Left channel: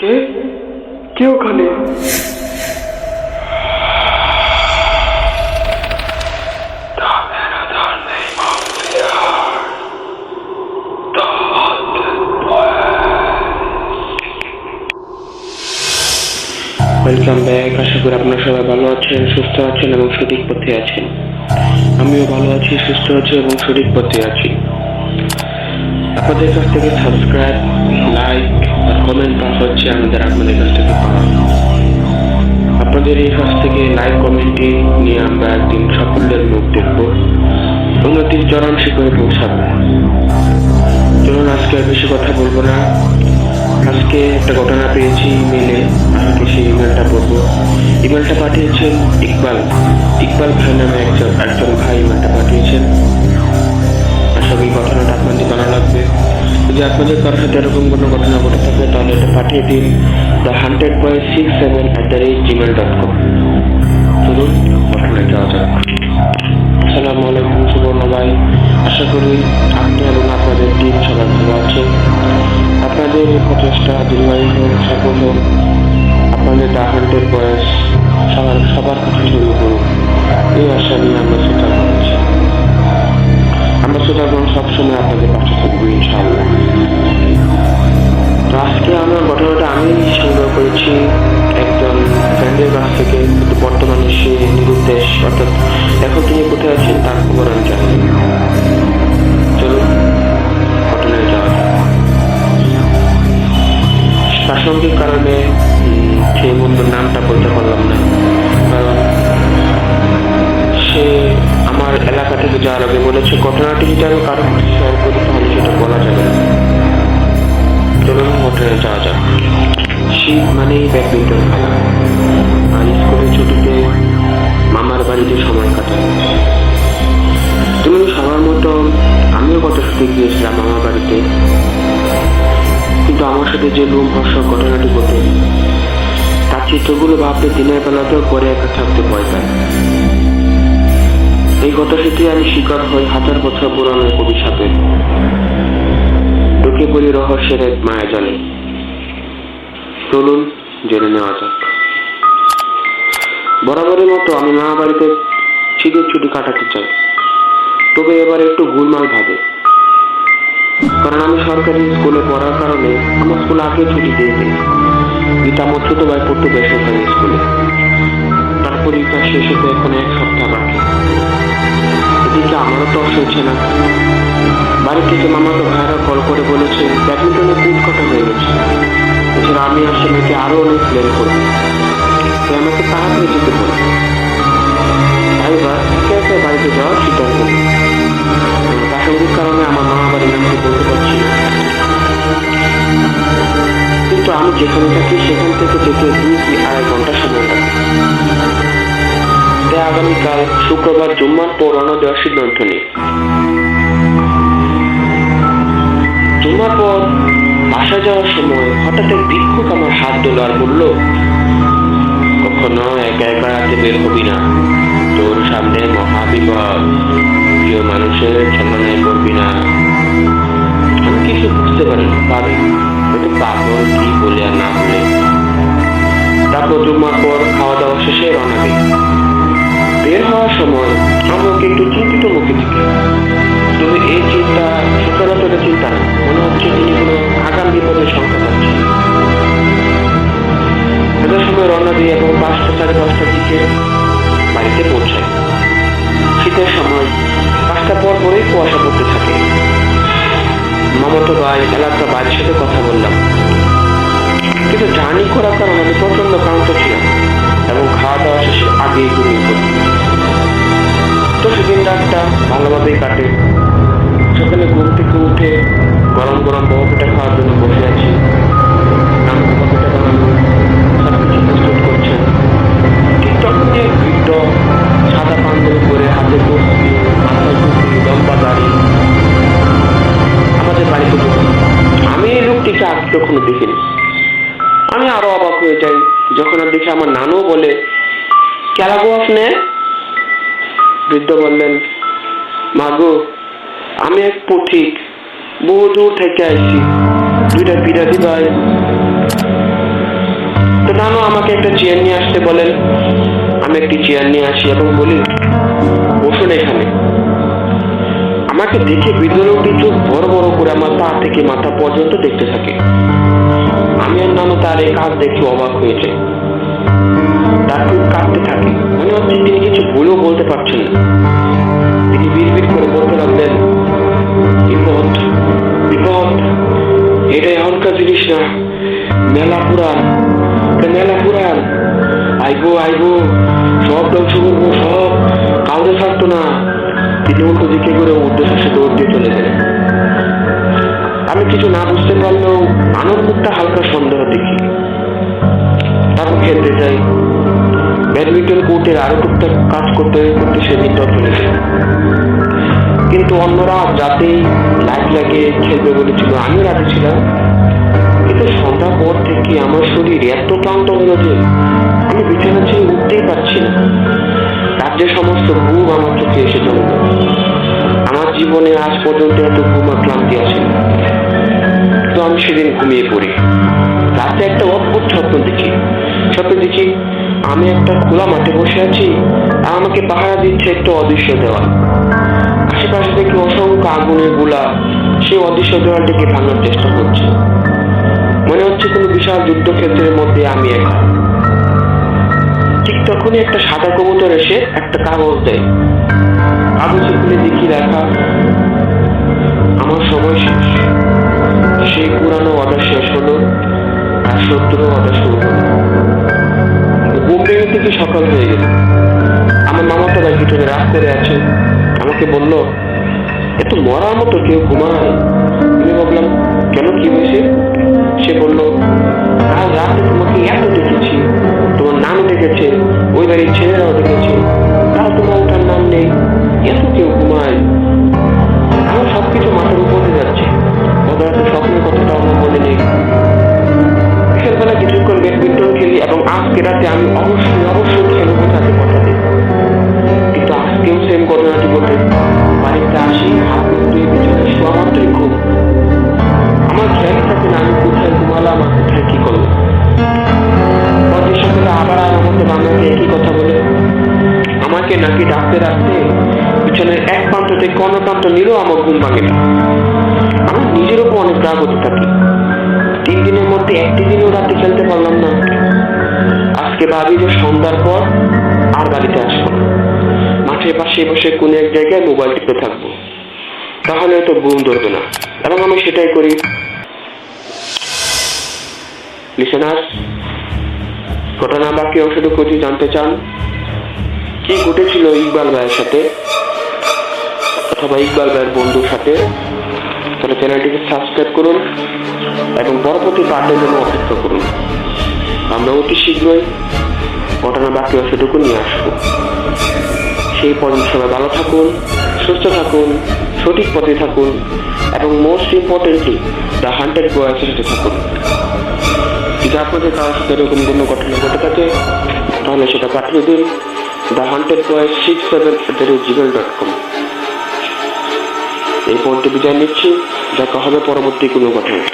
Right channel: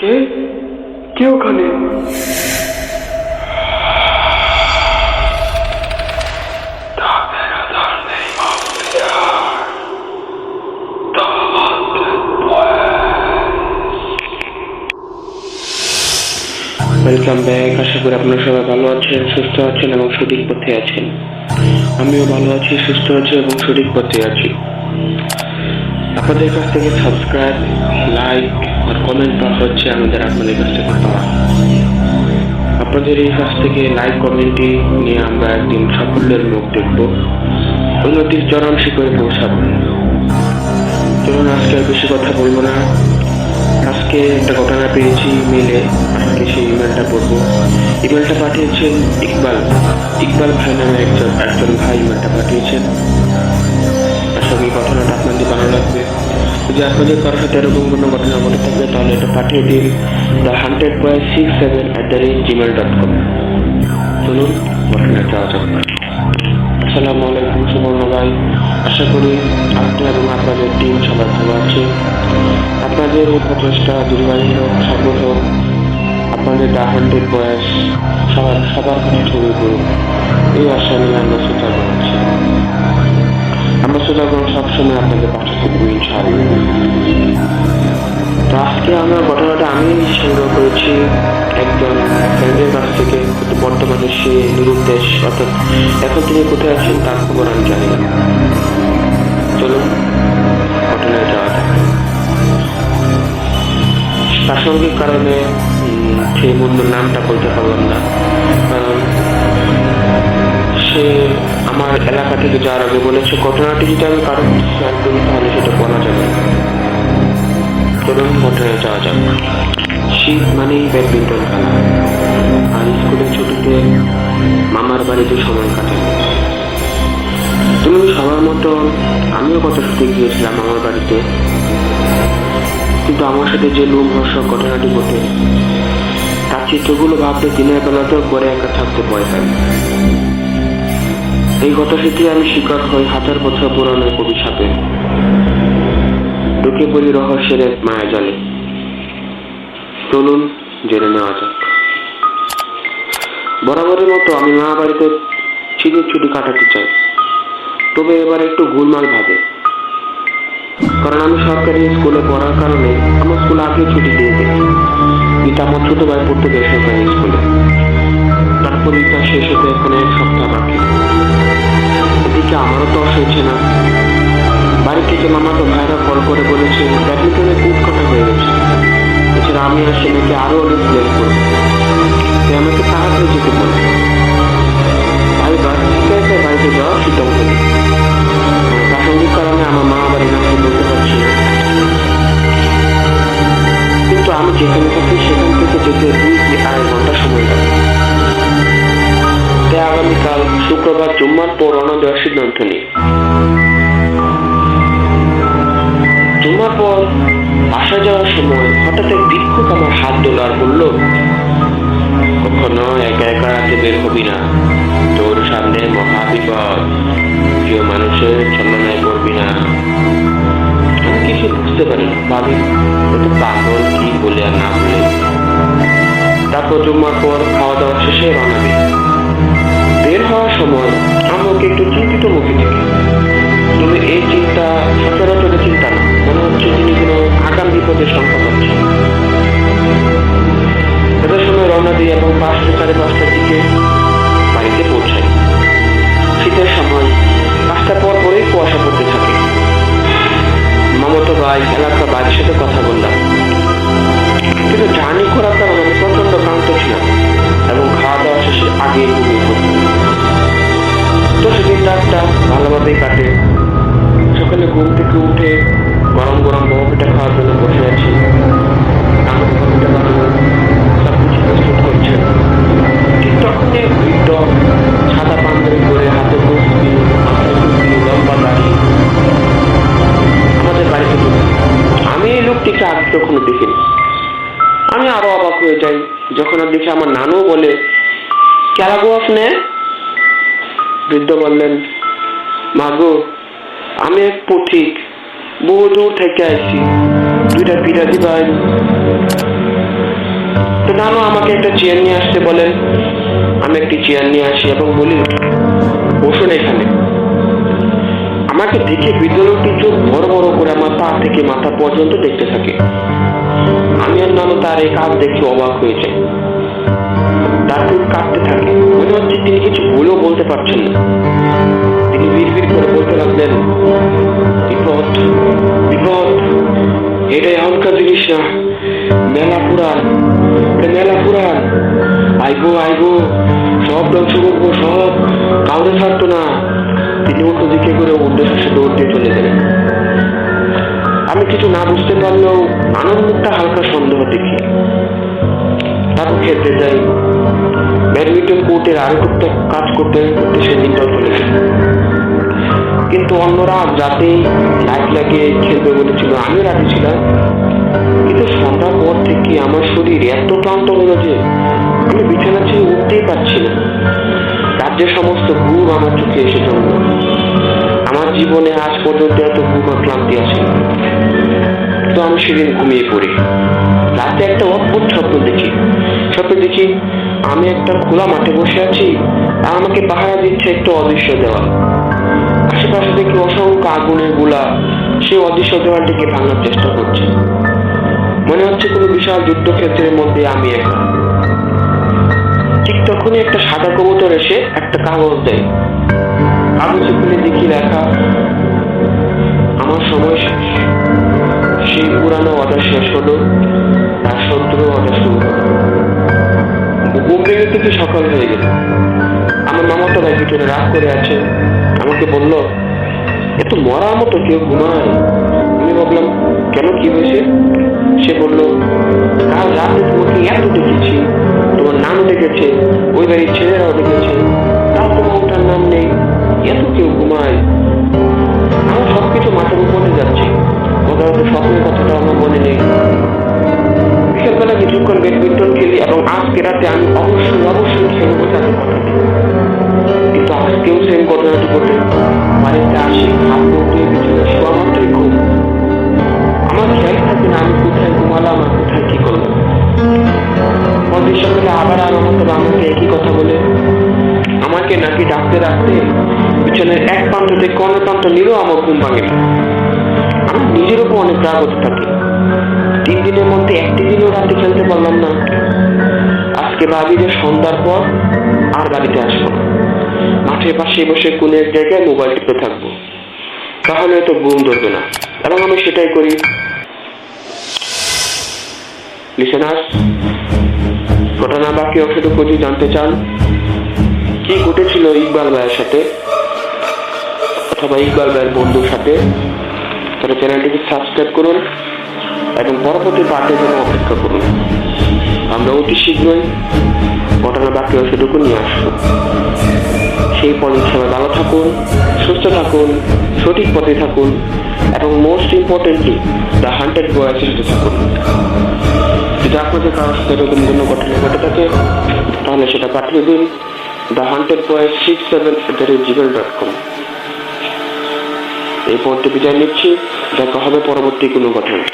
কে কে ওখানে? Welcome back. আশা করি আপনারা সবাই ভালো আছেন, সুস্থ আছেন এবং সঠিক পথে আছেন। আমিও ভালো আছি, সুস্থ আছি এবং সঠিক পথে আছি। আপনাদের কাছ থেকে সাবস্ক্রাইব, লাইক আর কমেন্ট পাওয়া হচ্ছে আপনাদের কাছ থেকে পাওয়া। আপনাদের এই কাছ থেকে লাইক কমেন্টই নিয়ে আমরা একদিন সাফল্যের মুখ দেখব, উন্নতির চরম শিখরে পৌঁছাবো। চলুন আজকে আর বেশি কথা বলবো না। আজকে একটা ঘটনা পেয়েছি ইমেলে, আজকে সেই ইমেলটা পড়বো। ইমেলটা পাঠিয়েছেন ইকবাল ভাই নামে একজন ভাই ইমেলটা পাঠিয়েছেন। আশা করি ঘটনাটা আপনাদের ভালো লাগবে। যদি আপনাদের কারোর সাথে এরকম কোনো ঘটনা ঘটে থাকে তাহলে এটা পাঠিয়ে দিন the100.67@gmail.com। চলুন ঘটনায় যাওয়া যাক। আসসালামু আলাইকুম সুবর্ণ ভাই, আশা করি আপনি এবং আপনাদের টিম সবাই ভালো আছে। আপনাদের এই প্রচেষ্টা দীর্ঘায়ু হোক, সফল হোক। আপনাদের the100 বয়স সবার কাছে ছড়িয়ে পড়ুক, এই আশা নিয়ে আমরা শ্রোতা বানাচ্ছি। আমরা শ্রোতাগণ সবসময় আপনাদের পাশে থাকবো ইনশাআল্লাহ। তো আজকে আমার ঘটনাটা আমি সংগ্রহ করেছি একজন ফ্রেন্ডের কাছ থেকে, কিন্তু বর্তমানে সে নিরুদ্দেশ, অর্থাৎ এখন তিনি কোথায় আছেন তার খবর আমি জানি না। চলুন ঘটনায় যাওয়া যাক। প্রাসঙ্গিক কারণে সেই বন্ধুর নামটা বলতে পারলাম না, কারণ সে আমার এলাকা থেকে যাওয়ার আগে বলেছে ঘটনাটি যদি আমি কারো শেয়ার করি তাহলে সেটা বলা যাবে না। চলুন ঘটনায় যাওয়া যাক। শীত মানেই ব্যাডমিন্টন খেলা, আর স্কুলের ছুটিতে মামার বাড়িতে সময় কাটানো। তুমি সবার মতো আমিও গত ছুটি গিয়েছিলাম মামার বাড়িতে, কিন্তু আমার সাথে যে লোমহর্ষক ঘটনাটি ঘটে তার চিত্রগুলো ভাবলে দিনের বেলাতেও করে একা থাকতে ভয় পাই। এই গত শীতে আমি শিকার হই 1000 বছর পুরনো এক অভিশাপে, ঢুকে পড়ি রহস্যের এক মায়াজালে। চলুন জেনে নেওয়া যাক। বরাবরের মতো আমি মা বাড়িতে শীতের ছুটি কাটাতে চাই, তবে এবার একটু গোলমাল ভাবে, কারণ আমি সরকারি স্কুলে পড়ার কারণে আমার স্কুল আগে ছুটি দিয়ে দেয়। গীতা আমার ছোট ভাই পড়তো বেসরকারি স্কুলে, তার পরীক্ষা শেষ হতে এখন 1 সপ্তাহ বাকি। এদিকে আমারও তর্স হচ্ছে না। বাড়ি থেকে মামাতো ভাইরা কল করে বলেছে ব্যাডমিন্টনে কুট কাটা হয়ে গেছে। এছাড়া আমি আর সে মেয়েকে আরো অনেক প্ল্যান করবো, তাই আমাকে তাড়াতাড়ি যেতে বলে। ভাইবার একে একে বাড়িতে যাওয়ার সিদ্ধান্ত নেই। প্রাসঙ্গিক কারণে আমার মা বাড়ির নামটি বলতে পারছি না, কিন্তু আমি যেখানে থাকি সেখান থেকে যেতে 2 কি 2.5 ঘন্টা সময় লাগে। তাই আগামীকাল শুক্রবার জুম্মার পর রওনা দেওয়ার সিদ্ধান্ত নিই। জুম্মার পর বাসা যাওয়ার সময় হঠাৎ এক ভিক্ষুক আমার হাত ধরল আর বলল, কখনো একা একা রাতে বের হবি না, তোর সামনে মহাবিপদ, প্রিয় মানুষের ছলনায় পড়বি না। আমি কিছু বুঝতে পারি না, ভাবি হয়তো পাগল কি বলে আর না বলে। তারপর জুম্মার পর খাওয়া দাওয়া শেষে রওনা দিই। বের হওয়ার সময় আমাকে একটু চিন্তিত মুখে দেখি, তবে এই চিন্তা সচরাচরের চিন্তা না, মনে হচ্ছে তিনি কোনো আগাম বিপদের সংখ্যা পাচ্ছেন। এত সময় রওনা দিই এবং 5টা 5:30টার দিকে বাড়িতে পৌঁছাই। শীতের সময় 5টা পরেই কুয়াশা পড়তে থাকে। মামাতো ভাই এলাকা বাড়ির সাথে কথা বললাম, কিন্তু জার্নি করার কারণে আমি প্রচন্ড ক্লান্ত ছিলাম এবং খাওয়া দাওয়া শেষে আগে ঘুমিয়ে পড়ি। তো সেদিন রাতটা ভালোভাবেই কাটে। সকালে ঘুম থেকে উঠে গরম গরম বড় পিঠা খাওয়ার জন্য বসে আছি। নানু বড় পিঠা বানানো সবকিছু প্রস্তুত করছেন। ঠিক তখনই এক বৃদ্ধ সাদা পাঞ্জাবি পরে, হাতে তসবি, মাথায় টুপি, লম্বা দাড়ি আমাদের বাড়িতে ঢুকে। আমি এই লোকটিকে আগে কখনো দেখিনি। আমি আরো অবাক হয়ে যাই যখন আর দেখি আমার নানু বলে, কেলা গো আপনি? বৃদ্ধ বললেন, মাগো আমি এক পথিক, বহু দূর থেকে আইছি, 2টা পিঠা দিবাই। তো নানু আমাকে একটা চেয়ার নিয়ে আসতে বলেন। আমি একটি চেয়ার নিয়ে আসি এবং বলি, বসুন এখানে। আমাকে দেখে বৃদ্ধ লোকটি চোখ বড় বড় করে আমার পা থেকে মাথা পর্যন্ত দেখতে থাকে। আমি আর নানু তার এই কাজ দেখে অবাক হয়ে যাই। তার ঠোঁট কাঁপতে থাকে, মনে হচ্ছে তিনি কিছু বলেও বলতে পারছেন না। তিনি বিড়বিড় করে বলতে লাগলেন, বিপদ বিপদ, এটা এখনকার জিনিস না, মেলা পুরান, এটা মেলা পুরান, আইবো আইবো, সব ধ্বংস করবো, সব, কাউরে ছাড়তো না। তিনি উল্টো দিকে করে উদ্দেশ্যে দৌড় দিয়ে চলে গেলেন। আমি কিছু না বুঝতে পারলেও নানুর মুখটা হালকা সন্দেহ দেখি। তারপর খেলতে যাই। ব্যাডমিন্টন কোর্টের আরো টুকটাক কাজ করতে করতে সেদিনটাও চলে গেল। কিন্তু অন্যরা রাতেই লাইট লাগিয়ে খেলবে বলেছিল, আমিও রাজি ছিলাম। কিন্তু সন্ধ্যার পর থেকে আমার শরীর এত ক্লান্ত হলো যে আমি বিছানা ছেড়ে উঠতেই পারছি না। রাজ্যের সমস্ত ঘুম আমার চোখে এসে জমল। আমার জীবনে আজ পর্যন্ত এত ঘুম আর ক্লান্তি আসেনি। তো আমি সেদিন ঘুমিয়ে পড়ি। রাতে একটা অদ্ভুত স্বপ্ন দেখি আমি একটা খোলা মাঠে বসে আছি আর আমাকে পাহারা দিচ্ছে একটা অদৃশ্য দেওয়াল। আশেপাশে থেকে অসংখ্য আগুনের গোলা সেই অদৃশ্য দেওয়ালটিকে ভাঙার চেষ্টা করছে। মনে হচ্ছে কোনো বিশাল যুদ্ধক্ষেত্রের মধ্যে আমি একা। ঠিক তখনই একটা সাদা কবুতর এসে একটা কাগজ দেয়। কাগজে খুলে দেখি লেখা, আমার সময় শেষ। সেই পুরানো ওয়াদা শেষ হলো আর শত্রু ওয়াদা শুরু হলো। ঘুম ভেঙে থেকে সকাল হয়ে গেল। আমার মামাতো ভাই পিছনে রাগ করে আছে। আমাকে বলল, এত মরার মতো কেউ ঘুমায়? আমি ভাবলাম, কেন, কি হয়েছে? সে বলল, কাল রাতে তোমাকে এত দেখেছি, তোমার নানু ডেকেছে, ওই বাড়ির ছেলেরাও ডেকেছে, তাও তোমার ওঠার নাম নেই, এত কেউ ঘুমায়। আমার সবকিছু মাথার উপরে যাচ্ছে। গত রাতে স্বপ্নের কথাটা আমার মনে নেই। বিকেলবেলা কিছুক্ষণ ব্যাডমিন্টন খেলি এবং আজকে রাতে আমি অবশ্যই খেলবো তাদের কথা দিই। কিন্তু আজকেও সেম ঘটনাটি ঘটে। বাড়িতে আসি, হাত মুখ ধুয়ে বিছানায় শোয়া মাত্রই ঘুম। আমার খেয়ালই থাকে না আমি কোথায় ঘুমালাম আর কোথায় কি করলাম। পরদিন সকালে আবার আমার মতো আমাকে একই কথা বলে আমাকে নাকি ডাকতে বিছানার এক প্রান্ত থেকে অন্য প্রান্ত নিলেও আমার ঘুম ভাঙে না। আমার নিজের উপর অনেক রাগ হতে থাকে। 3 দিনের মধ্যে একটি দিনও রাতে খেলতে পারলাম না। আজকে ভাবি যে সন্ধ্যার পর আর বাড়িতে আসবো না, মাঠের পাশে বসে কোনো এক জায়গায় মোবাইল টিপে থাকবো, তাহলে তো ঘুম ধরবে না। এবং আমি সেটাই করি। লিসেনার্স, ঘটনা বাকি অংশটুকু যদি জানতে চান কি ঘটেছিল ইকবাল ভাইয়ের সাথে অথবা ইকবাল ভাইয়ের বন্ধুর সাথে, তাহলে চ্যানেলটিকে সাবস্ক্রাইব করুন এবং পরবর্তী পার্টের জন্য অপেক্ষা করুন। আমরা অতি শীঘ্রই ঘটনা বাকি অংশটুকু নিয়ে আসবো। সেই পর্যন্ত সবাই ভালো থাকুন, সুস্থ থাকুন, সঠিক পথে থাকুন এবং মোস্ট ইম্পর্টেন্টলি দ্য হান্টেড বয়েসের সাথে থাকুন। যদি আপনাদের কারোর সাথে এরকম কোনো ঘটনা ঘটে থাকে তাহলে সেটা পাঠিয়ে দিন thehuntedboys67@gmail.com। এই পর্যন্ত বিদায় নিচ্ছি। দেখা হবে পরবর্তী কোনো ঘটনায়।